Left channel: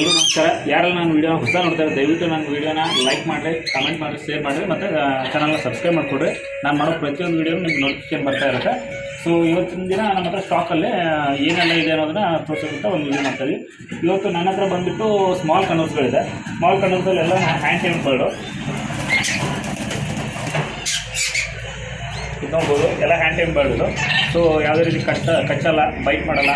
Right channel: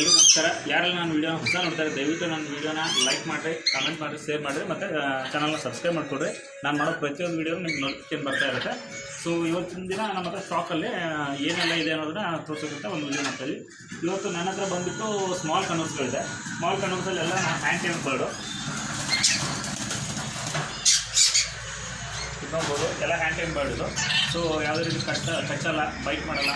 ಎಲ್ಲರೂ ನಮಸ್ಕಾರ. ಯಾರೆಲ್ಲ ನನ್ನ ವೀಡಿಯೋನ ಹೊಸ ನೋಡ್ತಾರೆ ದಯವಿಟ್ಟು ನನ್ನ ವೀಡಿಯೋನ ಲೈಕ್ ಮಾಡಿರಿ, ಕಮೆಂಟ್ ಮಾಡಿರಿ, ಶೇರ್ ಮಾಡಿರಿ ಮತ್ತು ಚಾನಲ್ನ ಸಬ್ಸ್ಕ್ರೈಬ್ ಮಾಡಿಕೊಡ್ರಿ. ನಾನು ಮಾಡೋ ಪ್ರತಿಯೊಂದು ವೀಡಿಯೋನು ನಿಮ್ಗೆ ನೋಟಿಫಿಕೇಶನ್ ಬರ್ತಾ ಇರುತ್ತೆ. ಸೊ ಇವತ್ತಿನ ದಿನ ನಮ್ಮ ಹತ್ರ ಸ್ಟಾಕಲ್ಲಿ ಏನೆಲ್ಲ ಇದೆ ಅನ್ನೋದನ್ನ ತೋರಿಸೋದಂತ ಒಂದು ವೀಡಿಯೋ ಮಾಡ್ತೀವಿ. ಇವತ್ತು ನನ್ನ ಹತ್ರ ಬಂದುಬಿಟ್ಟು ಸ್ಮಾಲ್ ಕನ್ನರ್ಸ್ಗಳಿದೆ. ಸ್ಮಾಲ್ ಕನ್ನರ್ಸಲ್ಲೆಲ್ಲ ಹ್ಯಾಂಡ್ ಟೈಮ್ ಬರ್ಡು ನೋಡ್ಬೋದು, ಎಲ್ಲ ಹ್ಯಾಂಡ್ ಟೈಮ್ ಬರ್ಡು. ಸೊ ಯಾವುದೇ ರೀತಿ ಕಚ್ಚಲ್ಲ, ಬೈಟ್ ಮಾಡಲ್ಲ,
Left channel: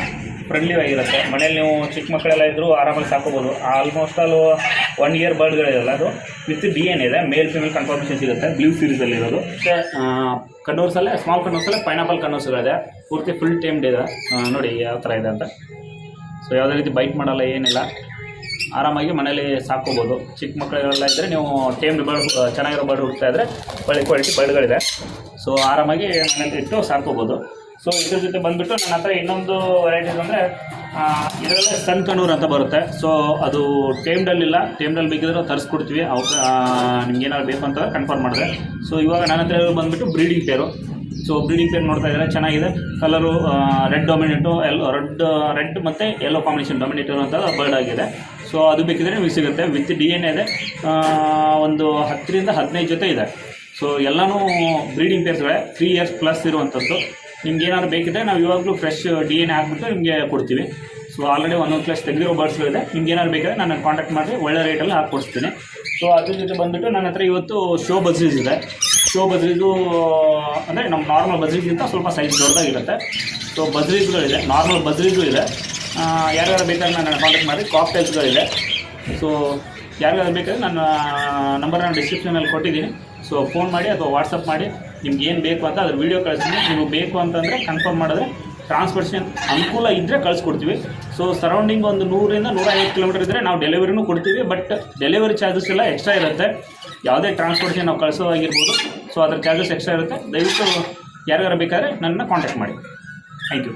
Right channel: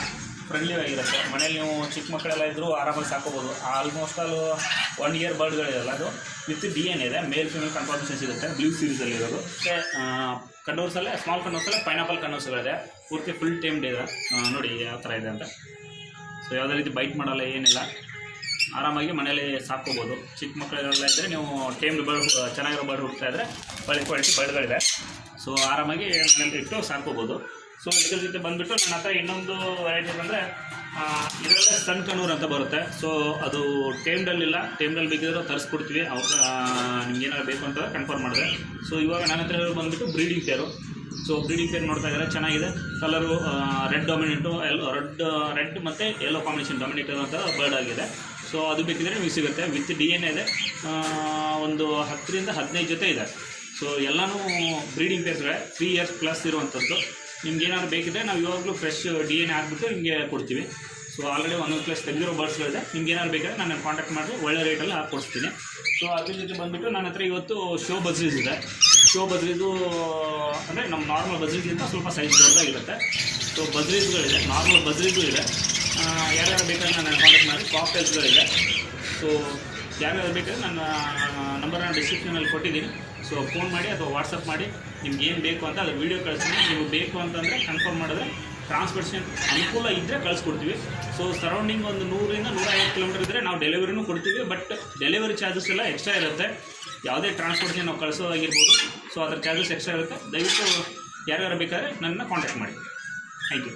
ಫ್ರೆಂಡ್ಲಿ ಆಗಿರುತ್ತೆ. ಮನೇಲಿ ನೀವು ಚಿಕ್ಕ ಮಕ್ಕಳೆಲ್ಲ ಇದ್ದರೂ ಆರಾಮಾಗಿ ಸಾಕೋಬೋದು. ಆಲ್ಮೋಸ್ಟ್ ಆಲ್ 1 ಇಯರ್ ಬರ್ಡ್ಗಳಿರಲ್ಲ, ಅದು ವಿತ್ DNA ಇದೆ, ಮೇಲ್ ಫಿಮೇಲ್ ಕನ್ಫರ್ಮೇಷನ್ ಸಿಗುತ್ತೆ. ಬ್ಲೂ ಸೀರೀಸಲ್ಲಿ ಇರೋದು. ಕನ್ನೂರ್ಸಲ್ಲೇ ಸ್ಮಾಲ್ ಕನ್ನೂರ್ಸಲ್ಲೇ ಪೈನಾಪಲ್ ಕನ್ನೂರ್ಸ್ಗಳಿದೆ, ಪೂರ್ತಿ ಫುಲ್ ಟೈಮ್ಡ್ ಇದೆ. ನೋಡಿ ಯಾವ ಥರ ಇದೆ ಅಂತ. ಸೊ ಯಾವುದೇ ರೀತಿ ಬೈಟ್ ಮಾಡಲ್ಲ, ಏನಿಲ್ಲ, ಆರಾಮಾಗಿ ಮನೇಲಿ ಸಾಕೋಬೋದು. ಚಿಕ್ಕ ಮಕ್ಕಳೆಲ್ಲ ಇದ್ದರೆ ನೀವು ಟೈಮ್ಡ್ ಬರ್ಡ್ ಚೆನ್ನಾಗಿರೋ ಬರ್ಡ್ ಹುಡ್ತಾ ಇದ್ದರೆ ಒಳ್ಳೆ ಕ್ವಾಲಿಟಿ ಬರ್ಡ್ಗಳಿದೆ. ಸೊ ಆರಾಮಾಗಿ ಮನೇಲಿ ಇಟ್ಟು ಸಾಕೋಬೋದು. ಸೊ ಇದ್ರ ಜೊತೆ ಬಂದುಬಿಟ್ಟು ನನ್ನ ಹತ್ರ ಇನ್ನೊಂದು ವೆರೈಟೀಸ್ ಅಂದರೆ ಇದರಲ್ಲೇ ಸನ್ ಕನ್ನೂರ್ ಅಂತ ಬರುತ್ತೆ. ಸೊ ಅದು ಟೈಮ್ಡಲ್ಲಿಲ್ಲ, ಟೈಮ್ಡಲ್ಲಿ ಬೇಕಿದ್ರೆ ತರಿಸ್ಕೊಡ್ತೀವಿ. ನಿಮ್ಗೆ ಏನಾದ್ರು ಬೇಕು ಅಂತ ಕನ್ಫರ್ಮ್ ಮಾಡಿದೆ. ಸೊ ಇವಾಗ ನನ್ನ ಹತ್ರ ಬಂದುಬಿಟ್ಟು ಬ್ರೀಡಿಂಗ್ ಪೇರು. ಸೊ ಬ್ರೀಡಿಂಗ್ ಪೇರ್ ನೋಡ್ತಾ ಇದ್ದಾರೆ, ಚೆನ್ನಾಗಿದೆ. ಕಲರು ರೆಡ್ ಡೊಮಿನೇಟು, ರೆಡ್ ಮತ್ತು ಯೆಲ್ಲೋ ಕಾಂಬಿನೇಷನ್ ಡೊಮಿನೇಟು ಅಂತ ಬರ್ಡ್ ಆಗಿದೆ. ಸೊ ಅದು ಬೇಕಿದ್ರೆ ನಿಮಗೆ ಸಿಗುತ್ತೆ. ವಿತ್ DNA ಇದೆ, ಒಂದು 10 ರಿಂದ 15 ಜೊತೆ ಇದೆ. ಸೊ ಎಲ್ಲನೂ ಬ್ರೀಡಿಂಗ್ ಪೇರ್ಸ್ಗಳೇ, 3 ಇಯರ್ಸ್ ಪ್ಲಸ್ ಇರುವಂಥದ್ದು. ನಿಮ್ಗೆ ಏನಾದ್ರು ಬೇಕಿದ್ರೆ ನಾವು ಇವಾಗಲೂ ಫ್ರೆಶ್ DNA ಹಾಕ್ಬಿಟ್ಟು ನಿಮಗೆ ಕೊಡ್ತೀವಿ. ಸೊ ಆಲ್ರೆಡಿ 1 ಪ್ಲಸ್ ತೆಗೆದಿರೋ ಬರ್ಡ್ಸ್ಗಳಿದೆ. ನಿಮ್ಗೆ ಏನಾದ್ರು ಬೇಕಾದ್ರೆ ನಾನು ಕಾಂಟ್ಯಾಕ್ಟ್ ಮಾಡಿ ಒಳ್ಳೆ ರೇಟಲ್ಲಿ ಹಾಕ್ಕೊಡ್ತೀನಿ. ಸೊ ಅದ್ರ ಜೊತೆ ಬಂದುಬಿಟ್ಟು ನನ್ನ ಹತ್ರ ಇವತ್ತು ಶೋ ಬಜ್ರೀಸ್ ಇದೆ. ಶೋ ಬಜ್ರೀಸು ಅಂದರೆ ನಮ್ಮ ನಾರ್ಮಲ್ ಬಜ್ರೀಸ್ಗಿಂತ ಸ್ವಲ್ಪ ಸೈಜ್ ದೊಡ್ಡದಾಗಿರುತ್ತೆ. ಸೊ ಬಜ್ರೀಸ್ಗಳಿದೆ, ನಾರ್ಮಲ್ ಬಜ್ರೀಸು ಇದೆ. ಯಾರ್ಯಾರು ಬೇಕಾದ್ರೆ ನಾನು ಕಾಂಟ್ಯಾಕ್ಟ್ ಮಾಡಿ. ಕಾಕ್ಟೇಲ್ಸ್ಗಳಿದೆ. ಸೊ ಯಾರ್ಯಾರು ಬೇಕಾದ್ರೆ ನನ್ನ ನಂಬರ್ನ ಡಿಸ್ಕ್ರಿಪ್ಷನಲ್ಲಿ ಕೊಟ್ಟಿದ್ದೀನಿ. ಸೊ ಫೋನ್ ಮಾಡಿ ಅಥವಾ ವಾಟ್ಸಪ್ ಮಾಡಿ ನಿಮ್ಗೆ ಏನು ಬೇಕು ಅಂತ ಅದ್ರ ವೀಡಿಯೋ ಕಳಿಸ್ತೀನಿ. ನೀವು ಬೇಕು ಅಂತಂದರೆ ಕನ್ಫರ್ಮ್ ಮಾಡಿದ್ರೆ ಟ್ರಾನ್ಸ್ಪೋರ್ಟೇಷನ್ ಅನುಕೂಲ ಇದ್ದರೆ ಕಳಿಸ್ಕೊಡ್ತೀವಿ. ಸೊ ಸರೌಂಡಿಂಗ್ ಒಂದು 100 ರಿಂದ 150 ಕಿಲೋಮೀಟರ್ ಇದ್ದರೆ ನಾವು ಡೆಲಿವರಿನೂ ಕೊಡ್ತೀವಿ. ಬಟ್ ಡೆಲಿವರಿ ಚಾರ್ಜಸ್ ಎಲ್ಲ ಎಕ್ಸ್ಟ್ರಾ ಇರುತ್ತೆ. ಯಾವುದೇ ಟ್ರಾನ್ಸ್ಪೋರ್ಟೇಷನ್ ನಾವು ಕಳಿಸೋದಾಗಿರ್ಬೋದು. ಸೊ ಅದ್ರ ಚಾರ್ಜಸ್ ಎಕ್ಸ್ಟ್ರಾ ಇರುತ್ತೆ. ದಯವಿಟ್ಟು ಯಾರ್ಯಾರು ಬೇಕಾದ್ರೆ ನನ್ನನ್ನು ಕಾಂಟ್ಯಾಕ್ಟ್ ಮಾಡಿ. Thank you.